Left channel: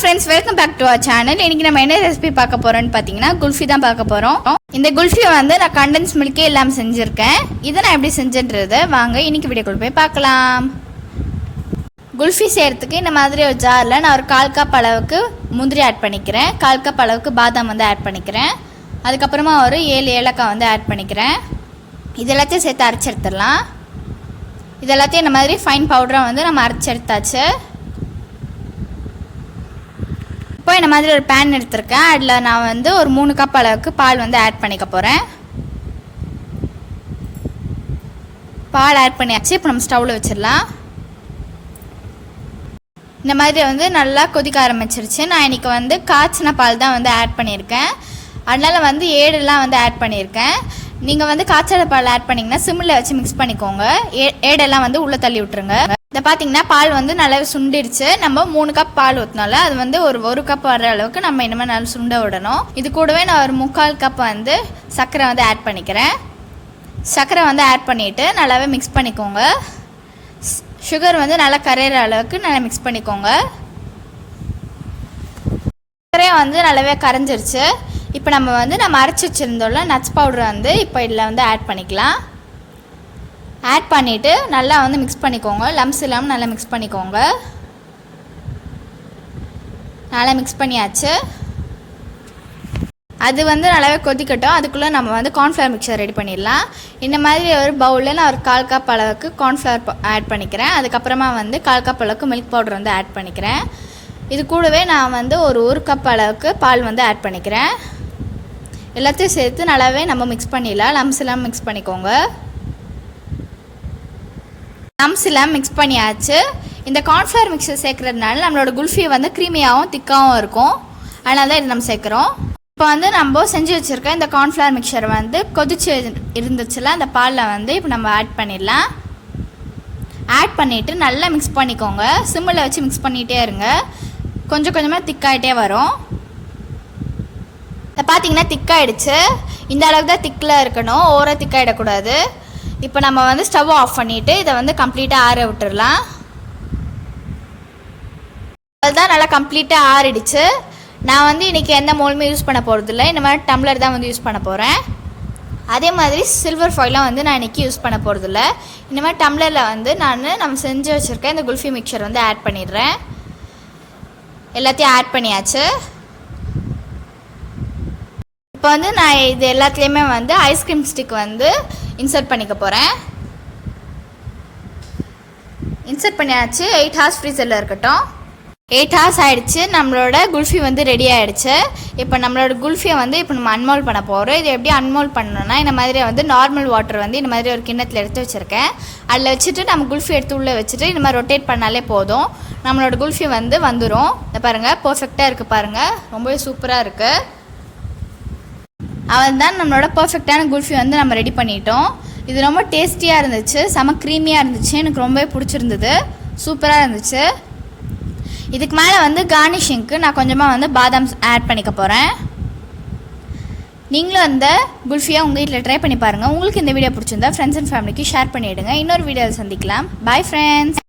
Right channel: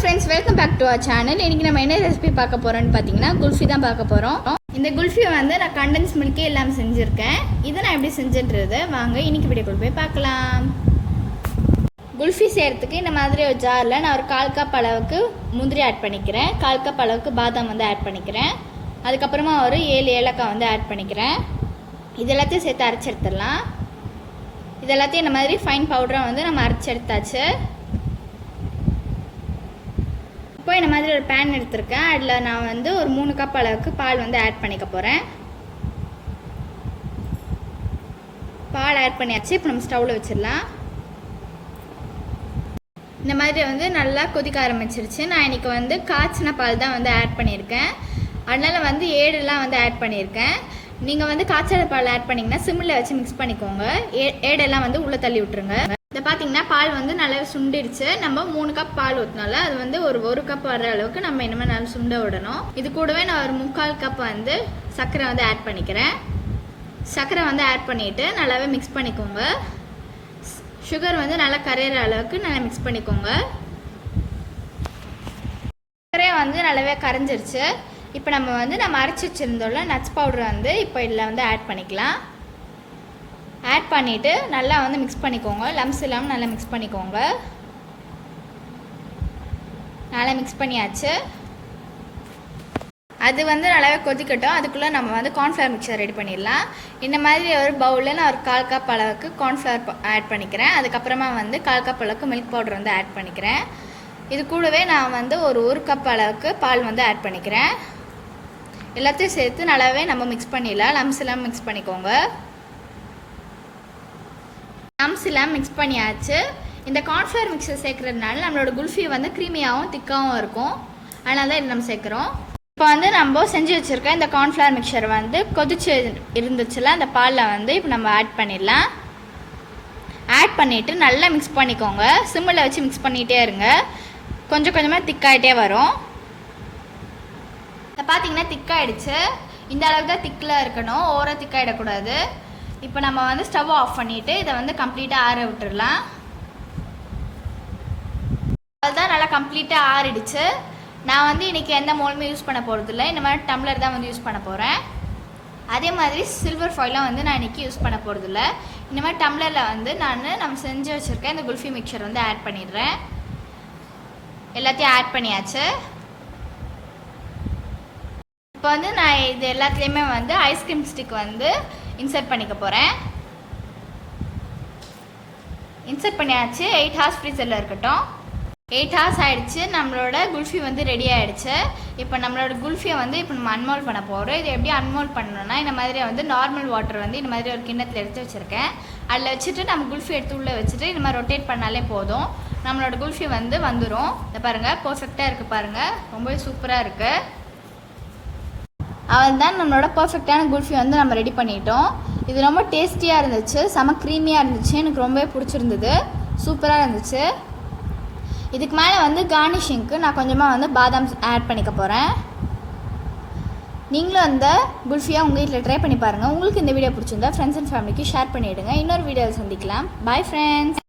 friends, welcome back to our channel. இன்னைக்கு நம்ம என்ன ரெசிபி பார்க்க போறோம்னு பாத்தீங்கன்னா குல்ஃபி தான் பார்க்க போறோம். இந்த குல்ஃபியை வந்து நான் கண்டென்ஸ் மில்க் எல்லாம் செஞ்சிருக்கேன். இத நான் எப்படி செஞ்சேன்றதை வாங்க இன்னைக்கு வீடியோக்குள்ள போய் பார்க்கலாம். குல்ஃபி செய்யறதுக்கு இந்த மாதிரி ஒரு ஜார்ல நான் ஒரு 1/4 கப் அளவுக்கு முந்திரி ஆட் பண்ணிக்கிறேன். 1/4 கப் அளவுக்கு பாதாம் வந்து ஆட் பண்ணிக்கிறேன். அதுக்கு அப்புறமா ஒரு 7 ஏலக்காய் வந்து ஆட் பண்ணிக்கிறேன். இதெல்லாம் சேர்த்து அரைச்சு எடுத்துடலாம். இதெல்லாம் இந்த மாதிரி ஃபைன் பவுடரா வந்து நம்ம அரைச்சு எடுத்தாச்சு. இப்போ இந்த மாதிரி ஒரு பேன் எடுத்துருக்கேன். அதில் நான் வந்து ஒரு 3 கப் அளவுக்கு பால் வந்து ஆட் பண்ணிக்க போகிறேன். பால் ஆட் பண்ணியாச்சு. இப்போ நம்ம ஸ்டவ்வில் வச்சிடலாம். இந்த மாதிரி வந்து நல்லா கொதிக்க ஆரம்பிச்சிருச்சு. நான் இன்றைக்கி வந்து காய்ச்சின பால் தான் வந்து ஆட் பண்ணியிருக்கேன். அதனால் வந்து ஏடெல்லாம் வந்து ஆட் பண்ணியிருக்கேன். நீங்கள் வந்து காய்ச்சல பால் ஆட் பண்ணிங்கன்னா சிம்மில் வச்சு மிக்ஸ் பண்ணிக்கோங்க. ஏடெல்லாம் வந்து உள்ளே தள்ளி விட்டுருங்க. இதை பார்த்தீங்கன்னா பால் வந்து நல்லா சுண்டிடுச்சு. நம்ம 3 கப் பால் ஊற்றினால அது வந்து ஒரு கப் வர அளவுக்கு நம்ம இனிமேல் நல்லா சுண்ட விடணும். இது கூடவே நான் ஒரு 3/4 கப் வந்து சர்க்கரை வந்து ஆட் பண்ணிக்கிறேன். சர்க்கரை வந்து ஆட் பண்ணிவிட்டு நல்லாவே மிக்ஸ் பண்ணிக்கோங்க. சுகர் வந்து நல்லா கரையிற அளவுக்கு நல்லா மிக்ஸ் பண்ணிக்கோங்க. சர்க்கரை வந்து நல்லாவே கரைஞ்சிருச்சு. இப்போ நம்ம அரைச்சி வச்சுருந்தோம்ல நட்ஸ் பவுடர் வந்து இப்போ இதில் வந்து ஆட் பண்ணிக்கலாம். ஆட் பண்ணிவிட்டு நல்லா வந்து மிக்ஸ் பண்ணிக்கோங்க. லம்ஸ் இல்லாமல் நல்லா மிக்ஸ் பண்ணிக்கோங்க. நல்லா மிக்ஸ் பண்ணியாச்சு. அது வந்து நல்லாவே கொதிக்கட்டும். அதுக்குள்ளே நம்ம வந்து கார்ன்ஃப்ளவர் மிக்சர் ரெடி பண்ணிடலாம். இந்த மாதிரி ஒரு பவுலில் நான் ஒரு 1/4 கப் அளவுக்கு கார்ன்ஃப்ளவர் ஆட் பண்ணிக்கிறேன். அதுக்கப்புறமா வந்து 1/4 கப் அளவுக்கு மில்க் பவுடர் வந்து ஆட் பண்ணிக்கிறேன். இது கூடவே நான் வந்து ஒரு கப் அளவுக்கு பால் வந்து ஆட் பண்ணிக்கிறேன். எல்லாத்தையும் சேர்த்து நல்லாவே நம்ம மிக்ஸ் பண்ணிடலாம். லம்ஸ் இல்லாமல் மிக்ஸ் பண்ணிக்கோங்க. லம்ஸ் எல்லாம் மிக்ஸ் பண்ணியாச்சு. இந்த கார்ன்ஃப்ளவர் மிக்சர் சேர்க்கறதுனால நம்மளோட குல்ஃபி வந்து க்ரீமியாகவும் திக்காகவும் இருக்கும். அதனால தான் இது நம்ம சேர்க்குறோம். இப்போ வந்து நம்ம செஞ்சு வச்சுருக்க இந்த கார்ன்ஃப்ளவர் மிக்சர் வந்து கொதிச்சு இருந்துச்சுல அந்த பாலில் வந்து இப்போ நம்ம ஆட் பண்ணிடலாம். ஆட் பண்ணிவிட்டு நல்லா மிக்ஸ் பண்ணிக்கோங்க. சிம்மில் வச்சு மிக்ஸ் பண்ணிகிட்டே இருங்க. கொஞ்சம் கொஞ்சமாக திக்காகிட்டே வரும். இதை பார்த்தீங்கன்னா திக்காயிடுச்சு. இந்த அளவுக்கு தான் திக்கில் இருக்கணும். ஓவராக திக்காயிடக்கூடாது. இப்போ நம்ம வந்து ஸ்டவ் ஆஃப் பண்ணிவிட்டு இதை வந்து கம்ப்ளீட்டாக ஆற விட்டுடலாம். அதுதான் நல்லா கம்ப்ளீட்டாக ஆறிடுச்சு. நான் வந்து இன்றைக்கி எந்த மோல்டுமே யூஸ் பண்ண போகிறதில்ல. இந்த மாதிரி டம்ளர் தான் வந்து யூஸ் பண்ண போகிறேன். அதே மாதிரி சில்வர் ஃபாயிலும் வந்து நான் இன்றைக்கி யூஸ் பண்ண போகிறதில்ல. இந்த மாதிரி டம்ளரில் வந்து நம்ம செஞ்சு வச்சுருக்கேன் இந்த குல்ஃபி மிக்சர் வந்து ஆட் பண்ணிடுறேன். எல்லாத்தையும் ஆட் பண்ணியாச்சு. இப்போ வந்து நான் இது எல்லாத்துலேயுமே வந்து ஐஸ்கிரீம் ஸ்டிக் வந்து இன்சர்ட் பண்ணிக்க போகிறேன். இன்சர்ட் பண்ணியாச்சு. 8 hours ஃப்ரீசரில் இருக்கட்டும். 8 hours ஆகிடுச்சு. நம்மளோட குல்ஃபி வந்து ரெடி ஆகிடுச்சு. இப்போ நம்மளோட குல்ஃபியை வந்து இப்போ நம்ம அன்மோல்ட் பண்ண போகிறோம். இது எப்படி அன்மோல்ட் பண்ணணும்னா இந்த மாதிரி வந்து நார்மல் வாட்டர் வந்து இந்த மாதிரி ஒரு கிண்ணத்தில் எடுத்து வச்சுருக்கேன். அதில் வச்சுட்டு நம்ம குல்ஃபி எடுத்து உள்ளே வச்சுட்டு இந்த மாதிரி ரொட்டேட் பண்ணாலே போதும். நம்மளோட குல்ஃபி வந்து வந்துடும். இதை பாருங்கள், பர்ஃபெக்டாக இருக்குது பாருங்கள். ரொம்பவே சூப்பராக இருக்குது. அவன் தான் நம்மளோட பர்ஃபெக்டான குல்ஃபி வந்து நம்ம ரெடி பண்ணிட்டோம். இது ரொம்ப டேஸ்டியாக இருந்துச்சு. செம க்ரீமியாக இருந்துச்சு. எனக்கு ரொம்பவே பிடிச்சிருந்தது. சூப்பராக இருந்துச்சு. இதுக்கு மேலே வந்து கார்னிஷிங்க்கு நான் கொஞ்சமாக வந்து பாதாம் ஆட் பண்ணிக்க போகிறேன். நீங்களும் அந்த குல்ஃபியை உங்கள் வீட்டில் ட்ரை பண்ணி பாருங்கள். உங்களுக்கு இந்த வீடியோ பிடிச்சிருந்தா ஃப்ரெண்ட்ஸ் அண்ட் ஃபேமிலிக்கு ஷேர் பண்ணிவிடுங்க. இன்னொரு வீடியோவில் சந்திக்கலாம். Bye friends.